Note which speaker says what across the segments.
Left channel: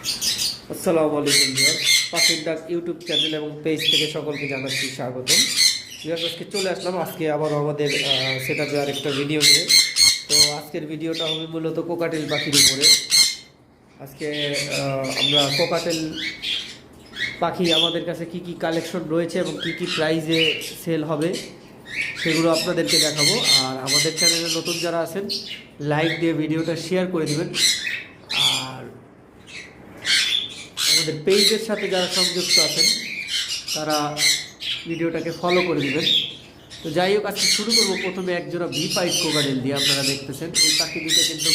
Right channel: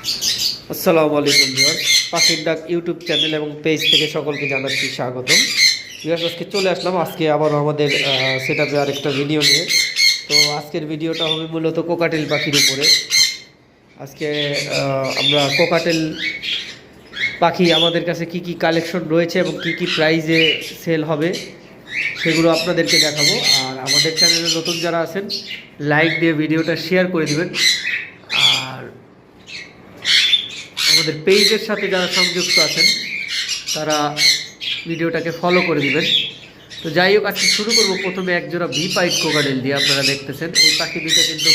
Speaker 1: আসসালামু আলাইকুম ভিউয়ার্স। পাখির ডাক ইউটিউব চ্যানেল এবং পেজ থেকে সকলকে জানাচ্ছি স্বাগতম। ভিউয়ার্স, আজকে চলে আসলাম। আজকে আবারও আমাদের সেট আপে আরেকটা ভিডিও নিয়ে। তো আজকের ভিডিওটা হবে মূলত কোকাটেল পাখির উপরে। আজকে আমরা কোকাটেল পাখি আমাদের কাছে কি কি কালেকশন রয়েছে এবং কি কি প্রাইজে সেল হবে, সেগুলো আপনাদেরকে দেখাবো। আর আমাদের চ্যানেলে নতুন যারা আছেন লাইক দিয়ে ভিডিওটা শেয়ার করে দিবেন আর আমাদের পেজের সাথে যারা সংযুক্ত আছেন, তারা ভিডিওটাকে ফলো করে দেবেন। তো যাই হোক, আজকে শুরু করব। প্রথমে একজোড়া ভি পাইট কোকাডেল দিয়ে আপনারা দেখতেছেন। এই পাখি দুটো কিন্তু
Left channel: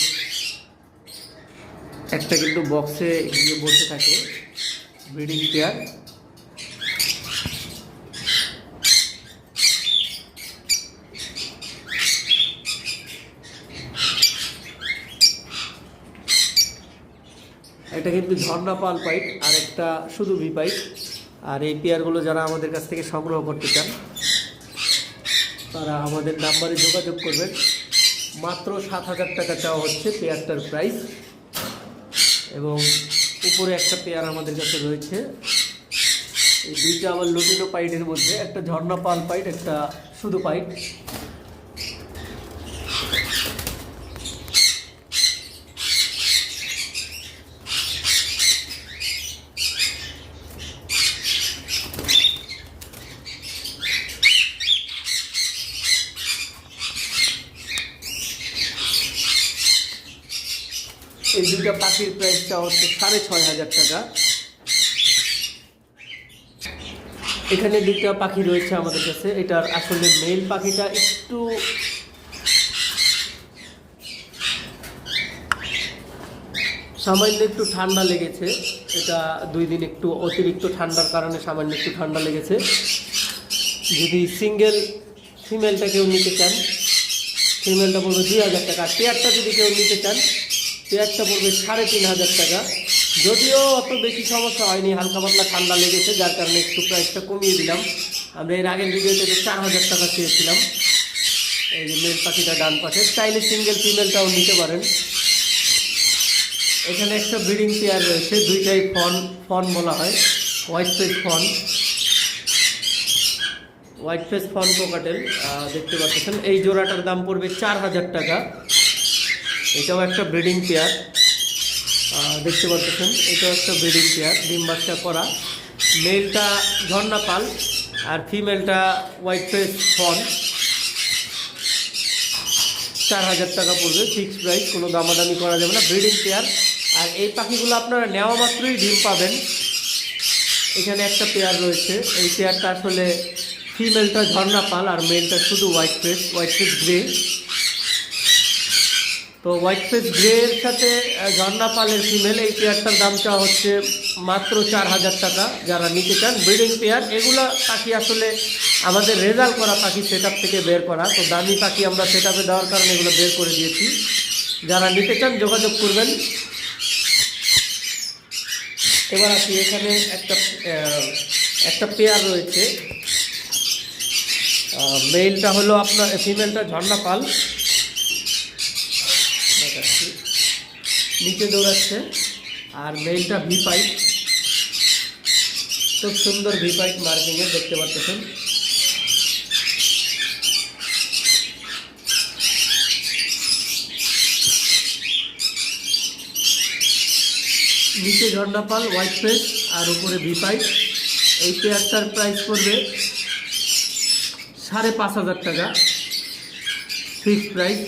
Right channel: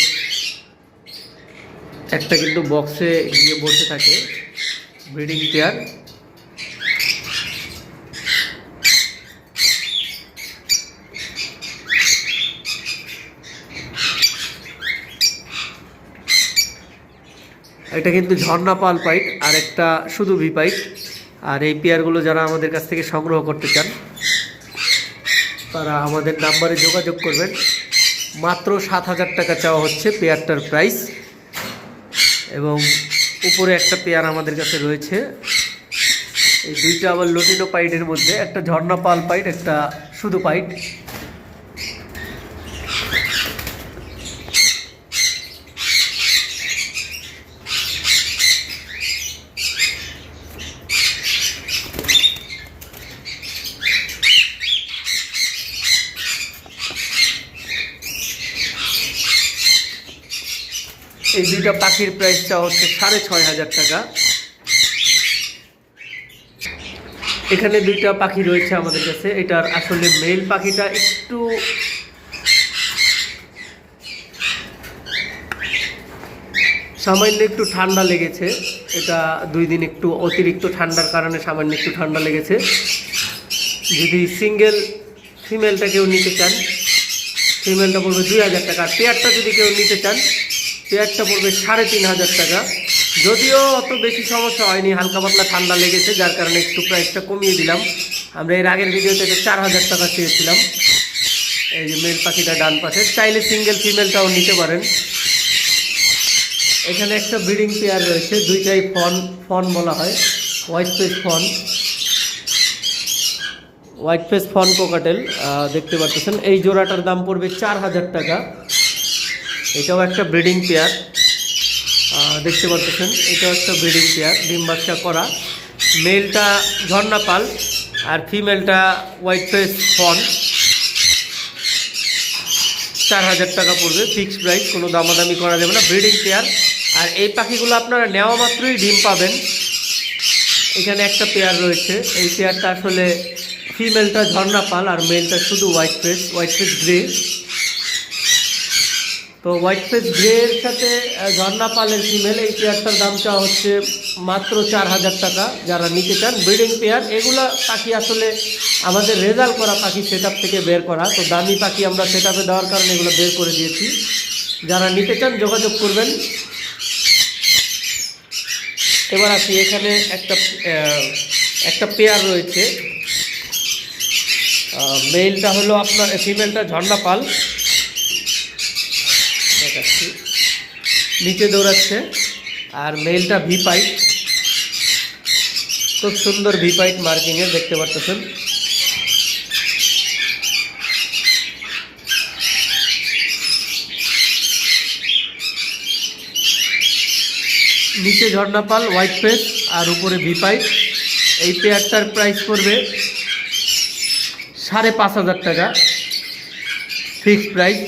Speaker 1: একটা কিন্তু বক্সে গিয়ে বসে থাকে ব্রিডিং পেয়ার এটা কিন্তু ঝর্ণা পাল পাইট আর একটা শুধু ভি পাইট। আর এই পেয়ারগুলো যারা আমাদের কাছ থেকে সংগ্রহ করতে চান, তারা আমাদের নাম্বারে যোগাযোগ করবেন। মাত্র সাত হাজার টাকা চাওয়া হচ্ছে পেয়ারটার প্রাইস। এবং উপরে একটা পেয়ার আমাদের কাছে রয়েছে। এই দুইটা আবার লটিনো পাইটের মধ্যে, একটা ঝর্ণা পাল পাইট, একটা শুধু পাইট। এই দুইটা পাখির প্রাইসটা হচ্ছে সাড়ে ছয় হাজার টাকা। এখানে দুইটা পাখি রয়েছে আমাদের কাছে। এটার আসলে মেল পাখিটা একটু সামান্য একটু ঠান্ডা লেগেছে। এটা দুই দিন একটু অতিরিক্ত ঠান্ডার কারণে সামান্য একটু ঠান্ডা লেগেছে। যদি সিঙ্গেল ফিমেলটা কেউ নিতে চান ফিমেলটা পড়বে দুই হাজার টাকা। পেয়ারটা যদি কেউ নিতে চান পেয়ারটা পড়বে সাড়ে তিন হাজার টাকা। যদিও অত বেশি সমস্যা হয়নি, হালকা পাতলা ঠান্ডা লেগেছে, যার কারণে একটু প্রাইসটা কমিয়ে দিলাম। আমরা এর আগের ভিডিওতে চার হাজার টাকা চেয়েছিলাম। এই যে মেল পাখিটা ডান পাশে, চাইলে সিঙ্গেল ফিমেলটাও নিতে পারেন। এখানে একটা ব্রিডিং পেয়ার রয়েছে, দুইটাই ফন ফন বলা হয়, white face fawn. White face fawn cockatiel দেখতে পাচ্ছেন। এই জোড়াটার দাম পড়বে চার হাজার টাকা। এটাও একটা ব্রিডিং পেয়ার দেখতে পাচ্ছেন, এটাও একটা ব্রিডিং পেয়ার, ডিম বাচ্চা করা। মেলটা ঝর্ণা পাল, আর ফিমেলটা হোয়াইট ফেস ফন। চার হাজার টাকা পড়বে, ফিক্সড প্রাইস, কোনো দামাদামি করা যাবে না, ব্রিডিং পেয়ার। আর এই পাখিগুলো আপনারা নেওয়া মাত্রই ডিম পাবেন। এখানে একটা পেয়ার রয়েছে, এই পেয়ারটা আসলে ফিমেলটা ঝর্ণা পাল, আর মেলটা শুধু white face white face grey. তো হোয়াইট ফেস গ্রে এর সাথে ঝর্ণা পালের ফিমেল এই পেয়ারটার দাম চাওয়া হচ্ছে মাত্র চার হাজার টাকা। যারা নিতে চান ব্রিডিং পেয়ার এগুলো পাখি আসলে আমাদের রেজাল্ট করা পাখি সেট থেকে বের করা। তো দামি পাখি আমরা সেট দেওয়ার কারণে এগুলো বের করে দিয়েছি। যারা নিতে চান, যোগাযোগ করবেন। এবার আসি, এখানে একটা একটা পেয়ার রয়েছে। মেলটা হলো আপনার ফিমেলটা ঝর্ণা পাল দেখাচ্ছি নিচে দৌড়াচ্ছে। আর মেলটা ভি পাইট খুব সুন্দর ভি পাইট মার্কিংয়ে দেখতে পাচ্ছেন। নিচে ঝর্ণা পাল হোয়াইট ফেস আর উপরে ভি পাইট এই পেয়ারটার প্রাইস পড়বে সাড়ে পাঁচ হাজার টাকা। ফিক্সড প্রাইস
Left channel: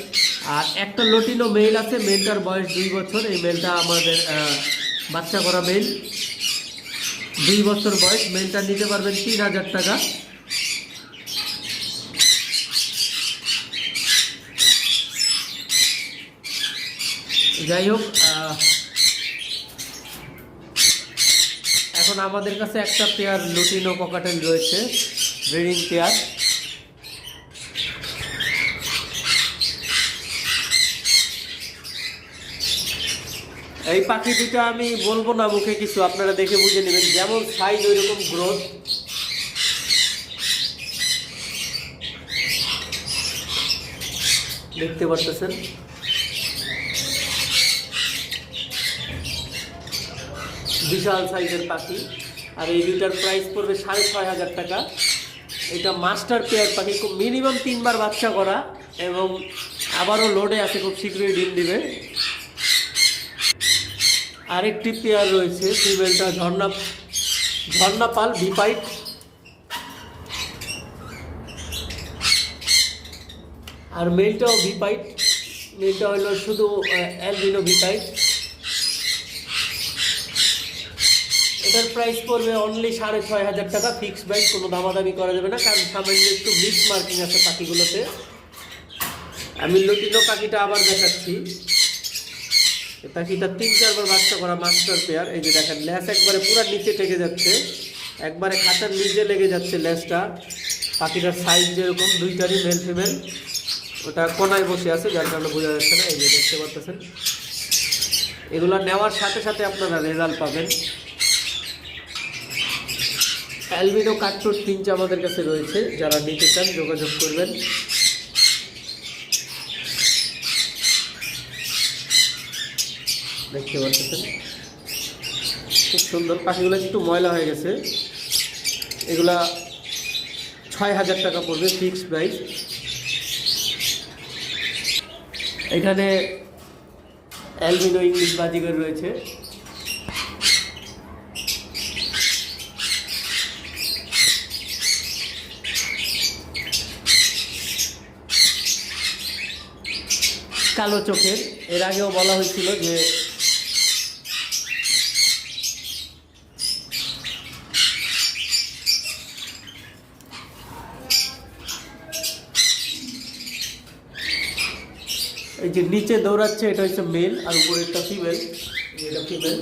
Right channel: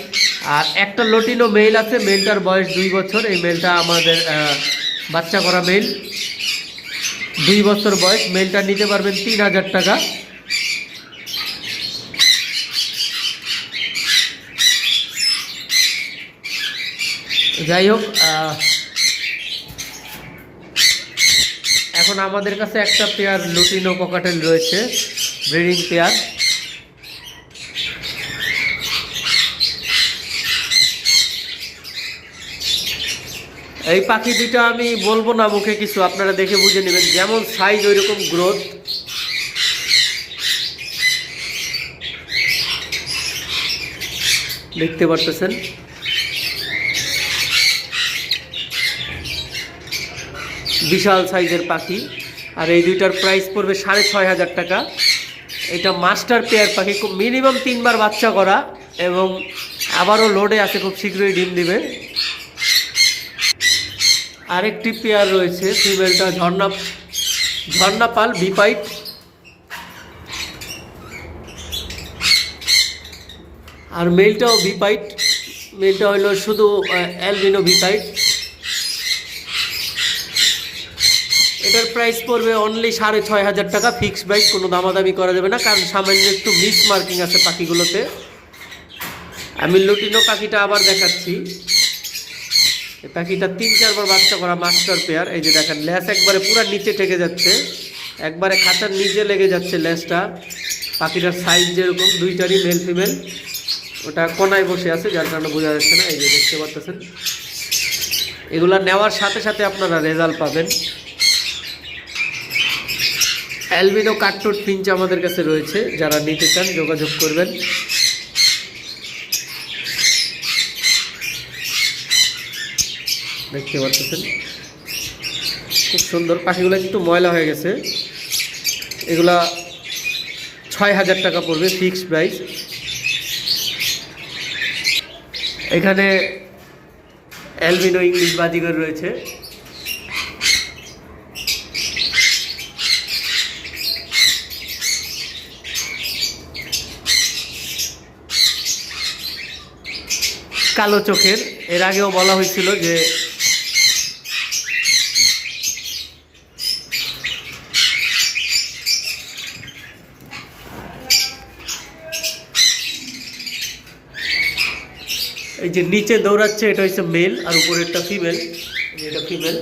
Speaker 1: আর একটা লটিনো মেল আছে মেলটার বয়স দুই বছর। এই মেলটা আমাদের বাচ্চা করা মেল দুই বছর বয়স মেলটা নিতে পারবেন তিন হাজার টাকা। যাই হোক এখন আমাদের কাছে একটা পেয়ার লুটিনো পকাটেল রয়েছে ব্রিডিং পেয়ার এই পাখি দুটো আমি বলব না মুখে কিছু, আপনারা দেখে বুঝে নেবেন। যেমন সাইজ ওই রকম গ্রোথ দেখতে পারতেছেন? বিশাল সাইজের পাখি। আর এই দুইটার প্রাইস পড়বে সাড়ে ছয় হাজার টাকা। এটা মাস্টার পেয়ার পাখি, খুব মিনিমাম তিনবার বাচ্চা করা এবং আবারও লোডে আছে, খুব শীঘ্রই ডিম দিবে। আরেকটি পেয়ার রয়েছে ফিমেলটা ঝর্ণা ঝর্ণা পাল বিপাইট। আর মেলটাও ভিপাইট মেলটা হলো শুধু অ্যালবিনো ভিপাইট এটার প্রাইস পড়বে অনলি সাড়ে ছয় হাজার টাকা ফিক্সড প্রাইস কোনো দামাদামি করা যাবে না, কারণ সামান্য একটু মিস মার্কিং আছে পাখিগুলোতে। আমি লুটিনো পাখিটা আবার দেখাচ্ছি। পাখিটা তিন, চারবার বাচ্চা করা মাস্টার পেয়ার এই যে দেখেন ল্যাস একবারে পুরো নিচে ঠেকে যাচ্ছে। একবারে খাঁচার নিচে লেগে যাচ্ছে ল্যাসটা পাখিটার সাইজ যেরকম, দুইটারই মেল ফিমেল ওটা কোনায় বসে আছে, যার কারণে বোঝা যাচ্ছে না। এই যে দেখতে পাচ্ছেন। এগুলা নেওয়ার সাথে সাথে আপনারা রেজাল্ট পাবেন। অ্যালবিনো কাটটুট পিঞ্চ আমাদের কাছে রয়েছে। যারা নিতে চান, যোগাযোগ করবেন। দেখতে পাচ্ছেন। খুব সুন্দর পাখিগুলো একটু ময়লা হয়ে গেছে। এগুলা ছয় হাজার টাকা পড়বে ফিক্সড প্রাইস এখানে অ্যালবিনো ইংলিশ বাজিগর রয়েছে। কালো চোখের। এর আগেও বলা হয়েছিল যে যে নিচে দৌড়াচ্ছে, এটা হচ্ছে মেল আর উপরেরটা ফিমেল এটা ফিমেল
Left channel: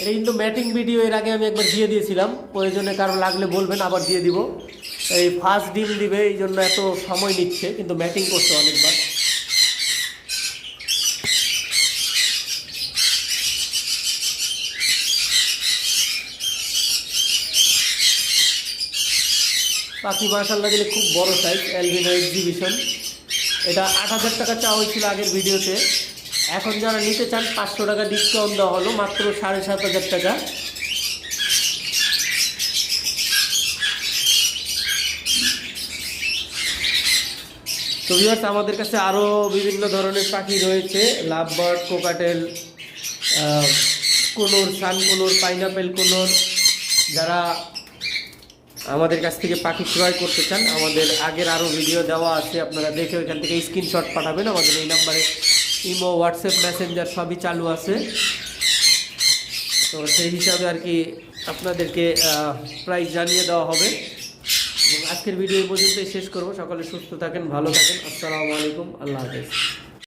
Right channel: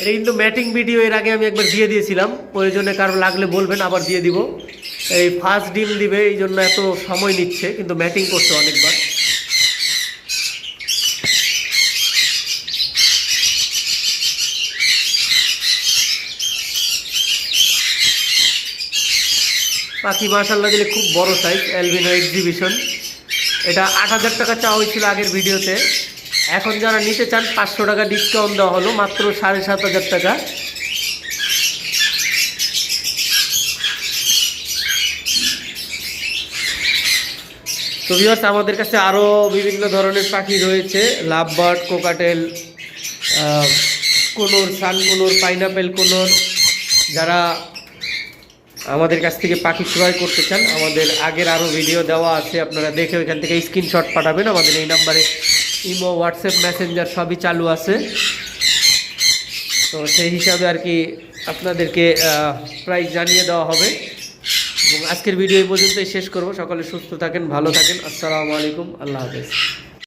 Speaker 1: এটা কিন্তু ম্যাটিং ভিডিও এর আগে আমি একবার দিয়ে দিয়েছিলাম। প্রয়োজনে কারও লাগলে বলবেন, আবার দিয়ে দিব। এই ফার্স্ট ডিম দিবে, এই জন্য এত সময় নিচ্ছে, কিন্তু ম্যাটিং করছে অনেকবার। পাখি মার্শাল্লাহ দিলে খুব বড় সাইজ অ্যালবিনো এক্সিবিশন এটা আট হাজার টাকা চাওয়া হয়েছিল আগের ভিডিওতে। এখন যারা নিতে চান, পাঁচশো টাকা ডিসকাউন্ট দেওয়া হলো, মাত্র সাড়ে সাত হাজার টাকা। তো ভিউয়ার্স আমাদের কাছে আরও বিভিন্ন ধরনের পাখি রয়েছে। Love bird cockatiel conure sun conure, pineapple conure. যারা আমাদের কাছ থেকে পাখি ক্রয় করতে চান, আমাদের আগের আরও ভিডিও দেওয়া আছে, আপনারা দেখে ওইখান থেকে স্ক্রিনশট পাঠাবেন, আমাদের এই নাম্বারে ইমো হোয়াটসঅ্যাপ মেসেঞ্জার সবই চালু আছে। তো সেই হিসাবে আর কি আপনাদেরকে প্রাইস জানিয়ে দেওয়া হবে। এবং আজকের ভিডিও এই পর্যন্তই শেষ করব। সকলে সুস্থ থাকেন, ভালো থাকেন। আসসালামু আলাইকুম। আল্লাহ হাফেজ।